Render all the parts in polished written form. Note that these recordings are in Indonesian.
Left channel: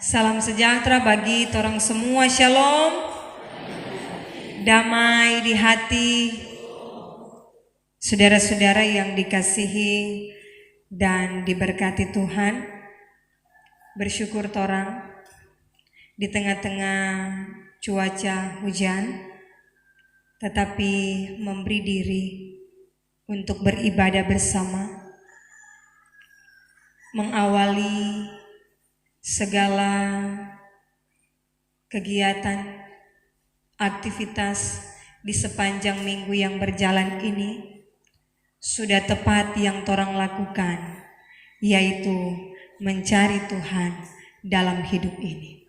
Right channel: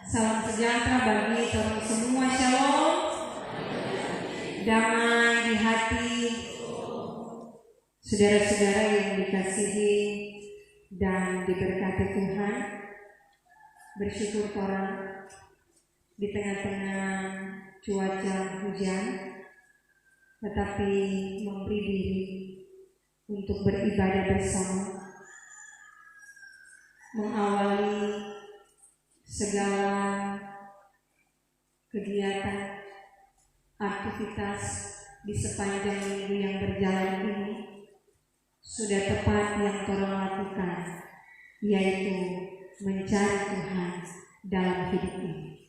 Salam sejahtera bagi torang semua, shalom. Damai di hati. Saudara-saudara yang dikasihi dan diberkati Tuhan, bersyukur torang di tengah-tengah cuaca hujan, tetapi memberi diri untuk beribadah bersama, mengawali segala kegiatan, aktivitas di sepanjang minggu yang berjalan ini. Sudah tepat yang torang lakukan, yaitu mencari Tuhan dalam hidup ini.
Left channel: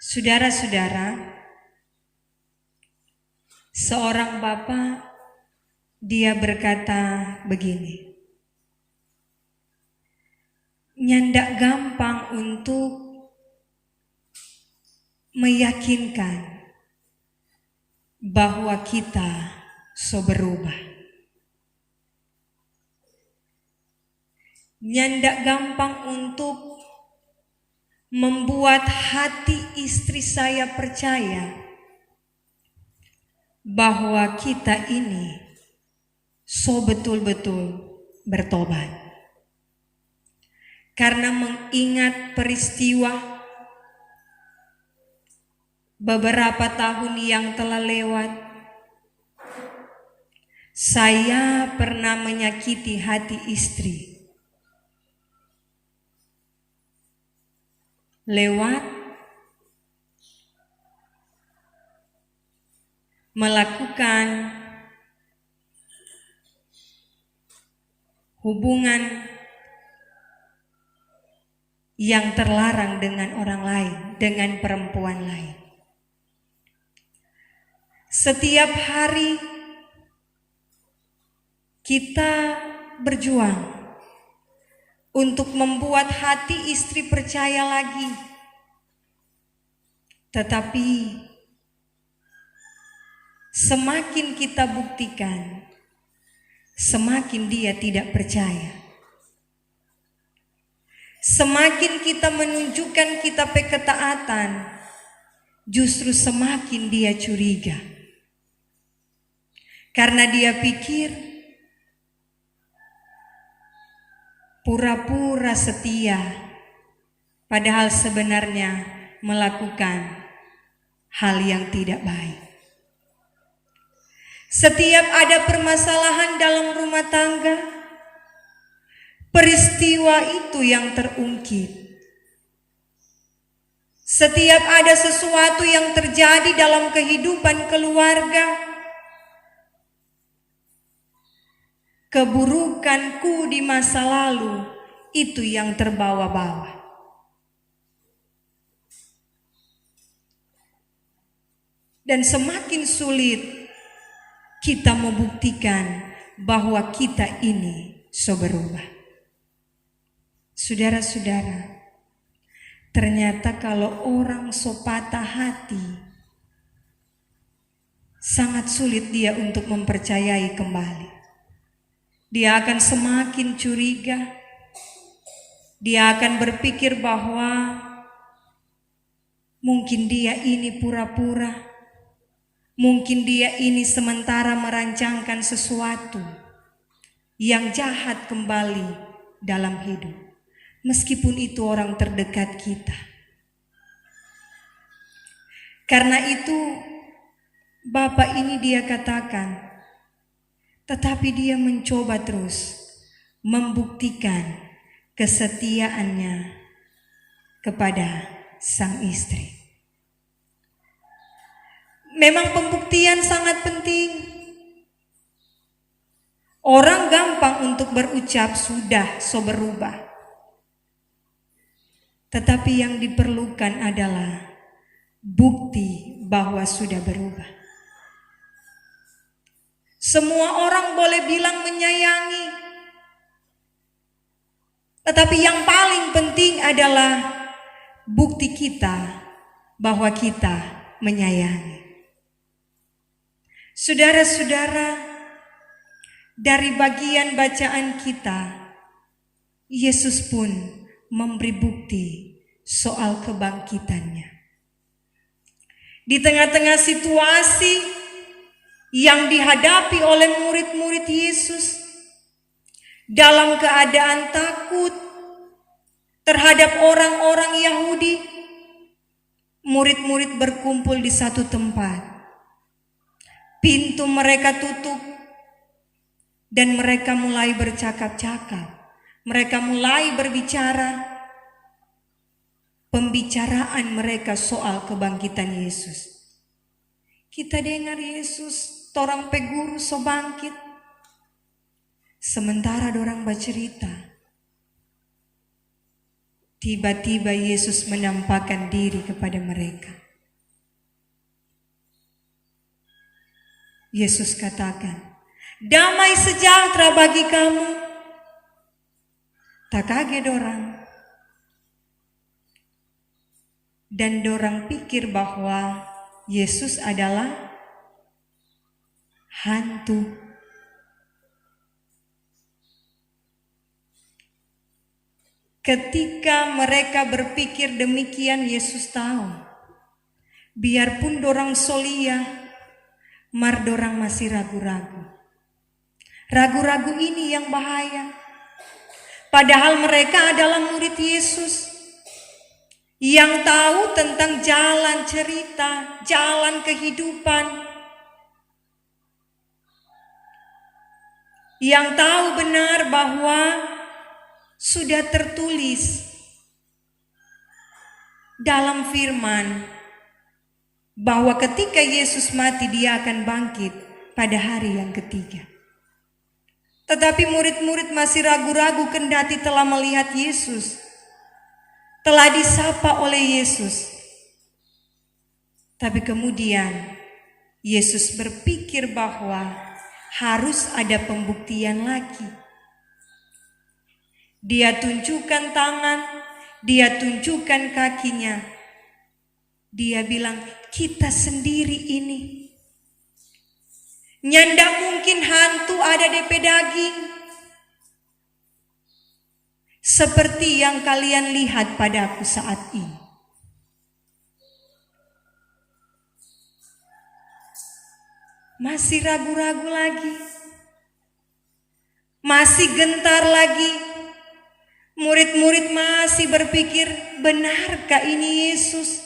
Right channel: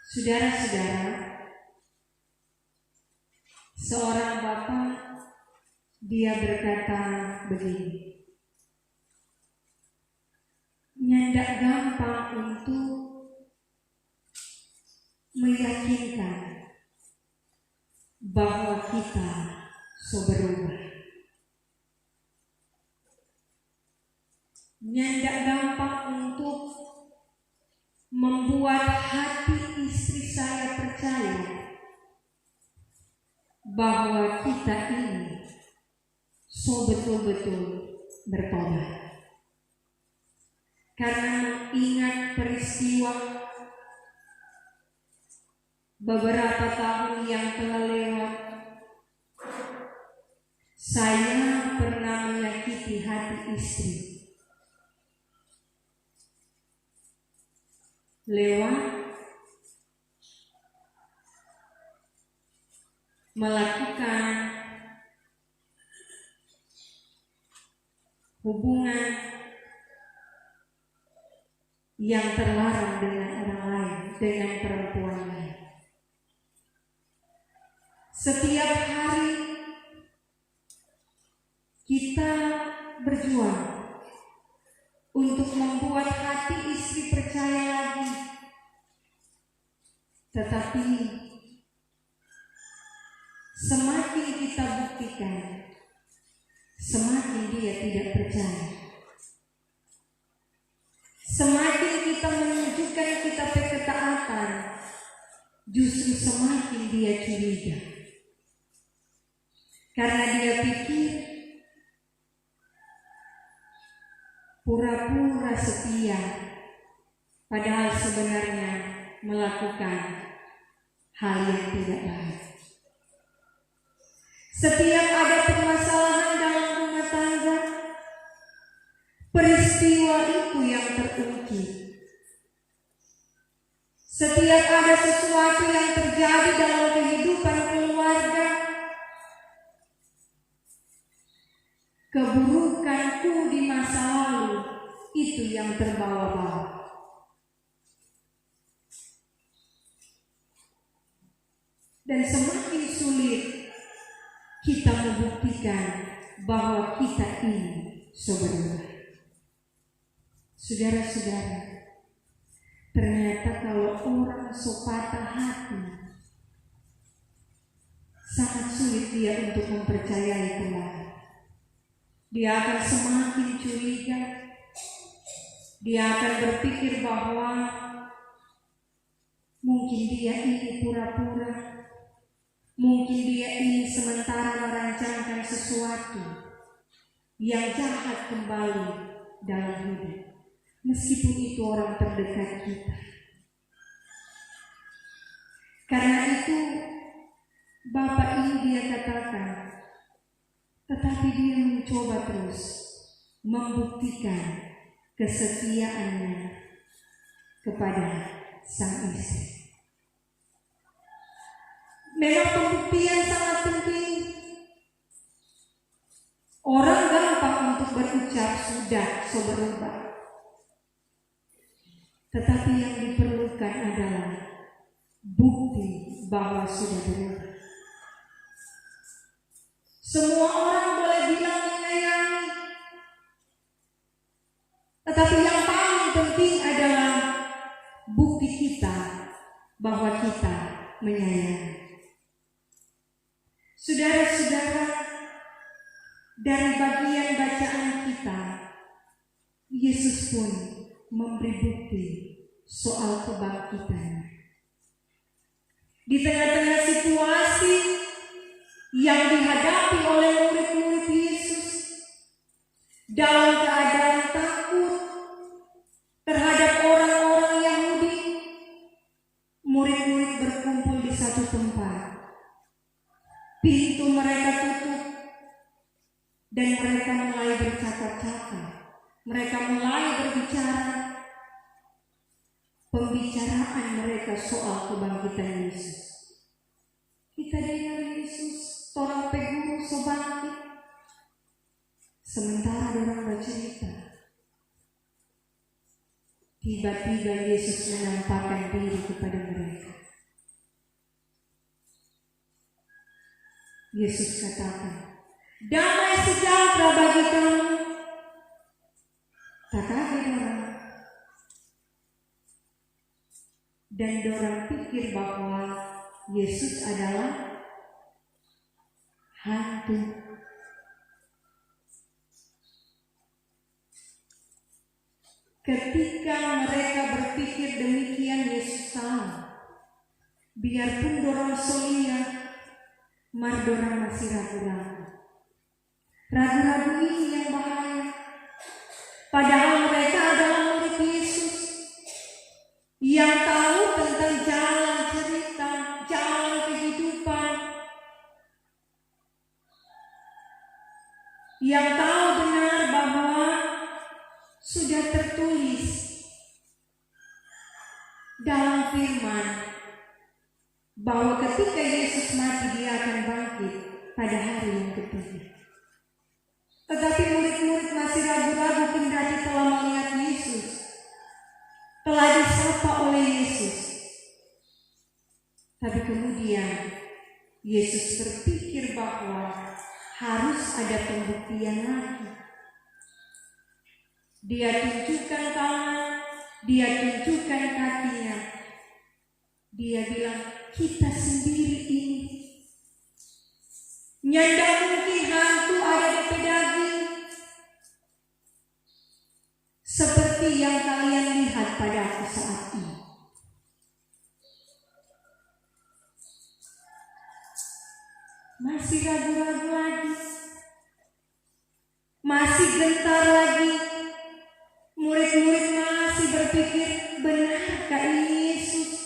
Saudara-saudara, seorang bapa, dia berkata begini, nyandak gampang untuk meyakinkan bahwa kita so berubah. Nyandak gampang untuk membuat hati istri saya percaya bahwa kita ini so betul-betul bertobat. Karena mengingat peristiwa beberapa tahun yang telah lewat, saya pernah menyakiti hati istri lewat melakukan hubungan yang terlarang dengan orang lain, dengan perempuan lain. Setiap hari kita berjuang untuk membuat hati istri percaya lagi. Tetapi semakin kita buktikan, semakin dia tidak percaya. Semakin kita menunjukkan kita ketaatan, justru semakin dia curiga. Karena dia pikir pura-pura setia, padahal sebenarnya melakukan hal yang tidak baik. Setiap ada permasalahan dalam rumah tangga, peristiwa itu yang terungkit. Setiap ada sesuatu yang terjadi dalam kehidupan keluarga, keburukanku di masa lalu itu yang terbawa-bawa. Dan semakin sulit kita membuktikan bahwa kita ini so berubah. Saudara-saudara, ternyata kalau orang so patah hati, sangat sulit dia untuk mempercayai kembali. Dia akan semakin curiga. Dia akan berpikir bahwa mungkin dia ini pura-pura. Mungkin dia ini sementara merancangkan sesuatu yang jahat kembali dalam hidup. Meskipun itu orang terdekat kita. Karena itu Bapak ini dia katakan, tetapi dia mencoba terus membuktikan kesetiaannya kepada sang istri. Memang pembuktian sangat penting. Orang gampang untuk berucap sudah so berubah. Tetapi yang diperlukan adalah bukti bahwa sudah berubah. Semua orang boleh bilang menyayangi, tetapi yang paling penting adalah bukti kita bahwa kita menyayangi. Saudara-saudara, dari bagian bacaan kita, Yesus pun memberi bukti soal kebangkitannya. Di tengah-tengah situasi yang dihadapi oleh murid-murid Yesus dalam keadaan takut terhadap orang-orang Yahudi, murid-murid berkumpul di satu tempat. Pintu mereka tutup dan mereka mulai bercakap-cakap. Mereka mulai berbicara. Pembicaraan mereka soal kebangkitan Yesus. Kita dengar Yesus, torang pe guru so bangkit. Sementara dorang bercerita, tiba-tiba Yesus menampakkan diri kepada mereka. Yesus katakan, damai sejahtera bagi kamu. Tak kaget dorang. Dan dorang pikir bahwa Yesus adalah hantu. Ketika mereka berpikir demikian, Yesus tahu, biarpun dorang solia, mar dorang masih ragu-ragu. Ragu-ragu ini yang bahaya. Padahal mereka adalah murid Yesus yang tahu tentang jalan cerita, jalan kehidupan, yang tahu benar bahwa sudah tertulis dalam firman bahwa ketika Yesus mati dia akan bangkit pada hari yang ketiga. Tetapi murid-murid masih ragu-ragu kendati telah melihat Yesus, telah disapa oleh Yesus. Tapi kemudian Yesus berpikir bahwa harus ada pembuktian lagi. Dia tunjukkan tangan, dia tunjukkan kakinya. Dia bilang, kita sendiri ini. Nyanda mungkin hantu ada di pedaging. Seperti yang kalian lihat padaku saat ini. Masih ragu-ragu lagi. Masih gentar lagi. Murid-murid masih berpikir, benarkah ini Yesus?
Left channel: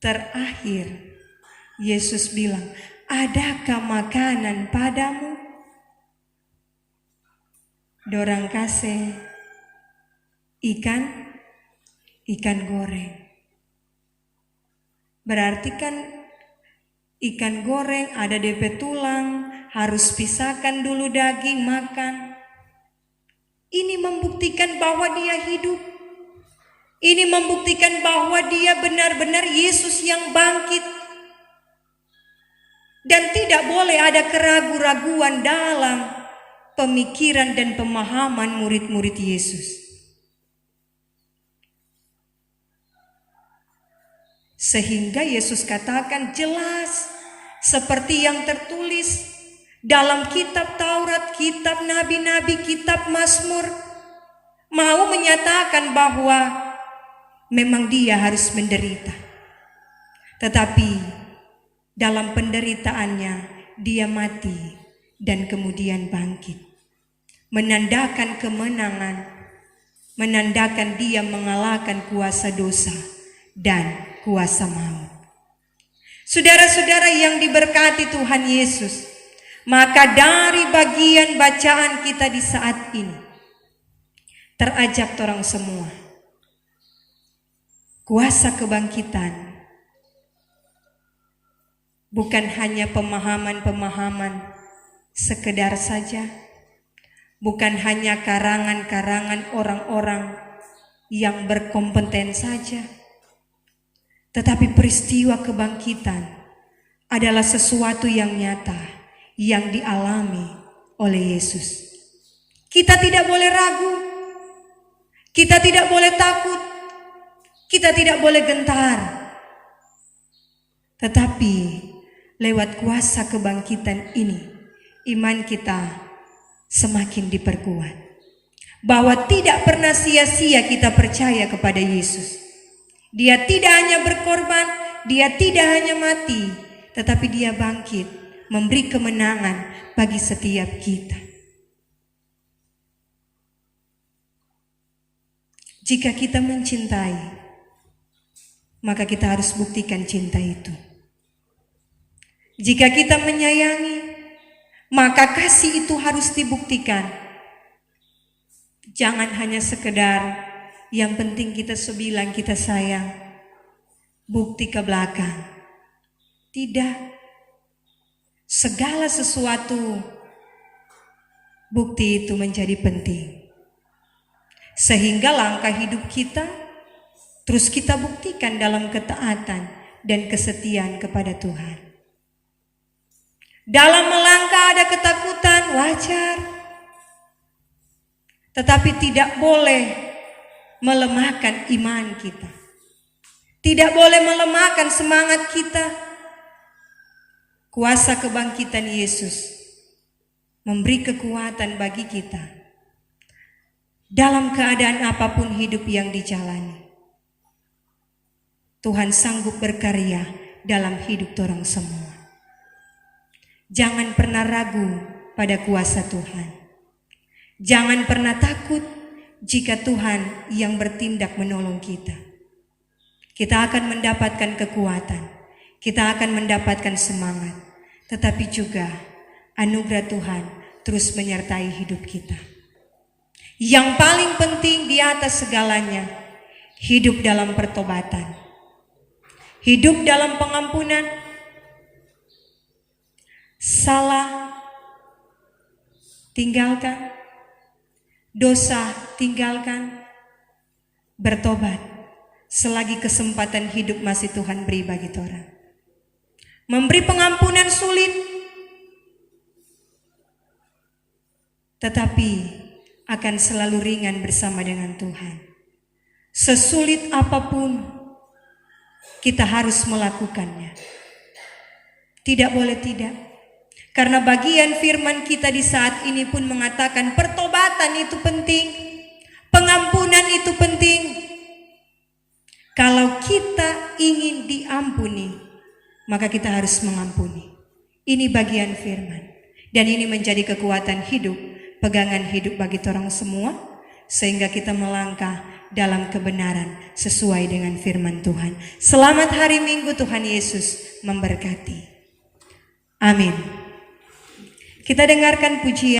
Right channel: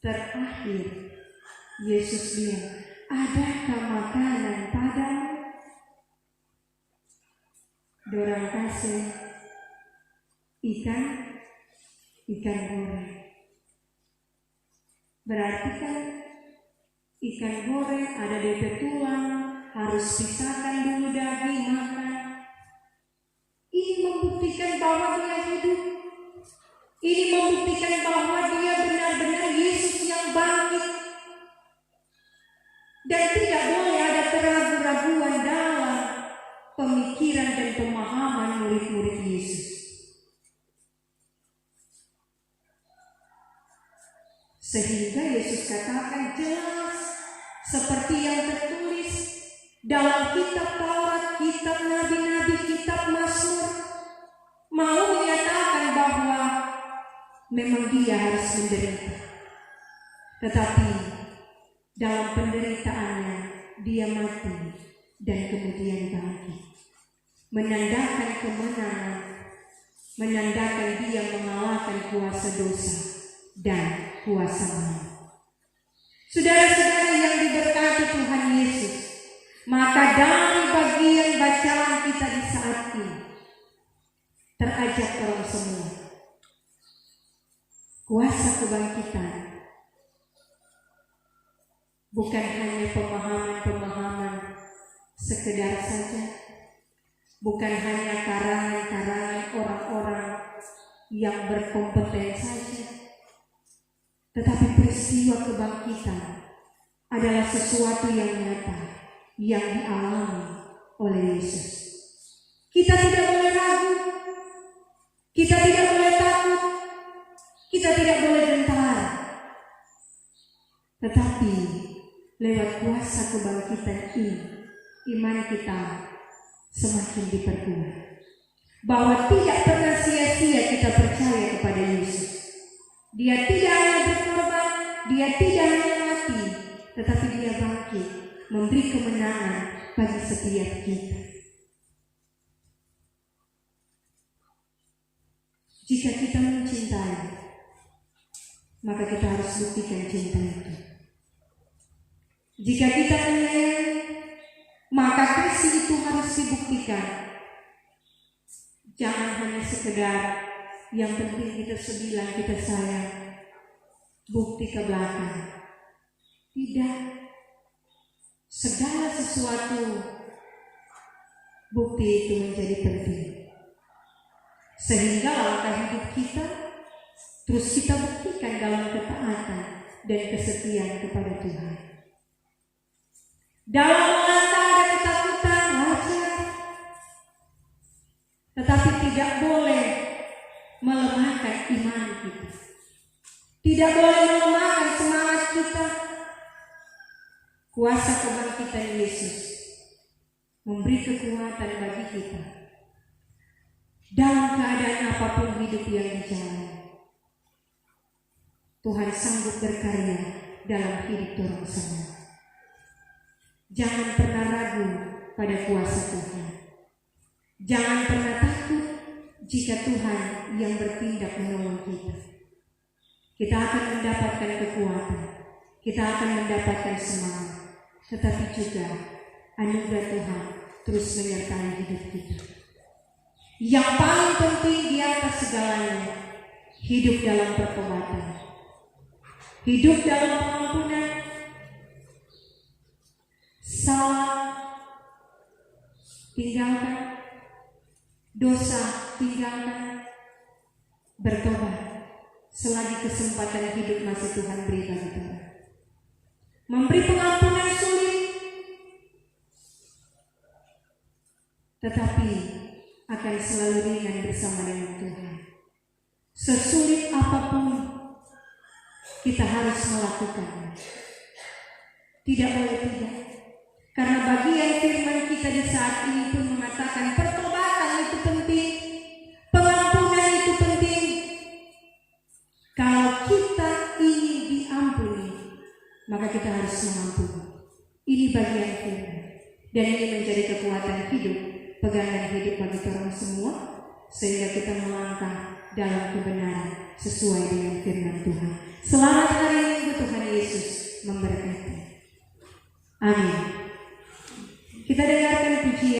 Terakhir, Yesus bilang, adakah makanan padamu? Dorang kasih ikan goreng. Berarti kan ikan goreng ada DP tulang, harus pisahkan dulu daging makan. Ini membuktikan bahwa dia hidup. Ini membuktikan bahwa dia benar-benar Yesus yang bangkit. Dan tidak boleh ada keraguan-raguan dalam pemikiran dan pemahaman murid-murid Yesus. Sehingga Yesus katakan jelas seperti yang tertulis dalam kitab Taurat, kitab Nabi-Nabi, kitab Mazmur, mau menyatakan bahwa memang dia harus menderita. Tetapi dalam penderitaannya dia mati dan kemudian bangkit. Menandakan kemenangan, menandakan dia mengalahkan kuasa dosa dan kuasa maut. Saudara-saudara yang diberkati Tuhan Yesus, maka dari bagian bacaan kita di saat ini, terajak orang semua, kuasa kebangkitan bukan hanya pemahaman-pemahaman sekedar saja, bukan hanya karangan-karangan orang-orang yang berkompeten saja, tetapi peristiwa kebangkitan adalah sesuatu yang nyata yang dialami oleh Yesus. Kita tidak boleh ragu, kita tidak boleh takut, kita tidak boleh gentar, tetapi lewat kuasa kebangkitan ini, iman kita semakin diperkuat. bahwa tidak pernah sia-sia kita percaya kepada Yesus. Dia tidak hanya berkorban, dia tidak hanya mati, tetapi dia bangkit, memberi kemenangan bagi setiap kita. Jika kita mencintai, maka kita harus buktikan cinta itu. Jika kita menyayangi, maka kasih itu harus dibuktikan. Jangan hanya sekedar yang penting kita bilang kita sayang, bukti ke belakang. Tidak. Segala sesuatu bukti itu menjadi penting. Sehingga langkah hidup kita terus kita buktikan dalam ketaatan dan kesetiaan kepada Tuhan. Dalam melangkah ada ketakutan, wajar. Tetapi tidak boleh melemahkan iman kita. Tidak boleh melemahkan semangat kita. Kuasa kebangkitan Yesus memberi kekuatan bagi kita dalam keadaan apapun hidup yang dijalani. Tuhan sanggup berkarya dalam hidup orang semua. Jangan pernah ragu pada kuasa Tuhan. Jangan pernah takut jika Tuhan yang bertindak menolong kita. Kita akan mendapatkan kekuatan, kita akan mendapatkan semangat, tetapi juga anugerah Tuhan terus menyertai hidup kita. Yang paling penting di atas segalanya, hidup dalam pertobatan, hidup dalam pengampunan. Salah tinggalkan, dosa tinggalkan, bertobat selagi kesempatan hidup masih Tuhan beri bagi orang. Memberi pengampunan sulit, tetapi akan selalu ringan bersama dengan Tuhan. Sesulit apapun kita harus melakukannya. Tidak boleh tidak. Karena bagian firman kita di saat ini pun mengatakan pertobatan itu penting, pengampunan itu penting. Kalau kita ingin diampuni, maka kita harus mengampuni. Ini bagian firman. Dan ini menjadi kekuatan hidup, pegangan hidup bagi orang semua, sehingga kita melangkah dalam kebenaran sesuai dengan firman Tuhan. Selamat hari Minggu, Tuhan Yesus memberkati. Amin. Kita dengarkan pujian.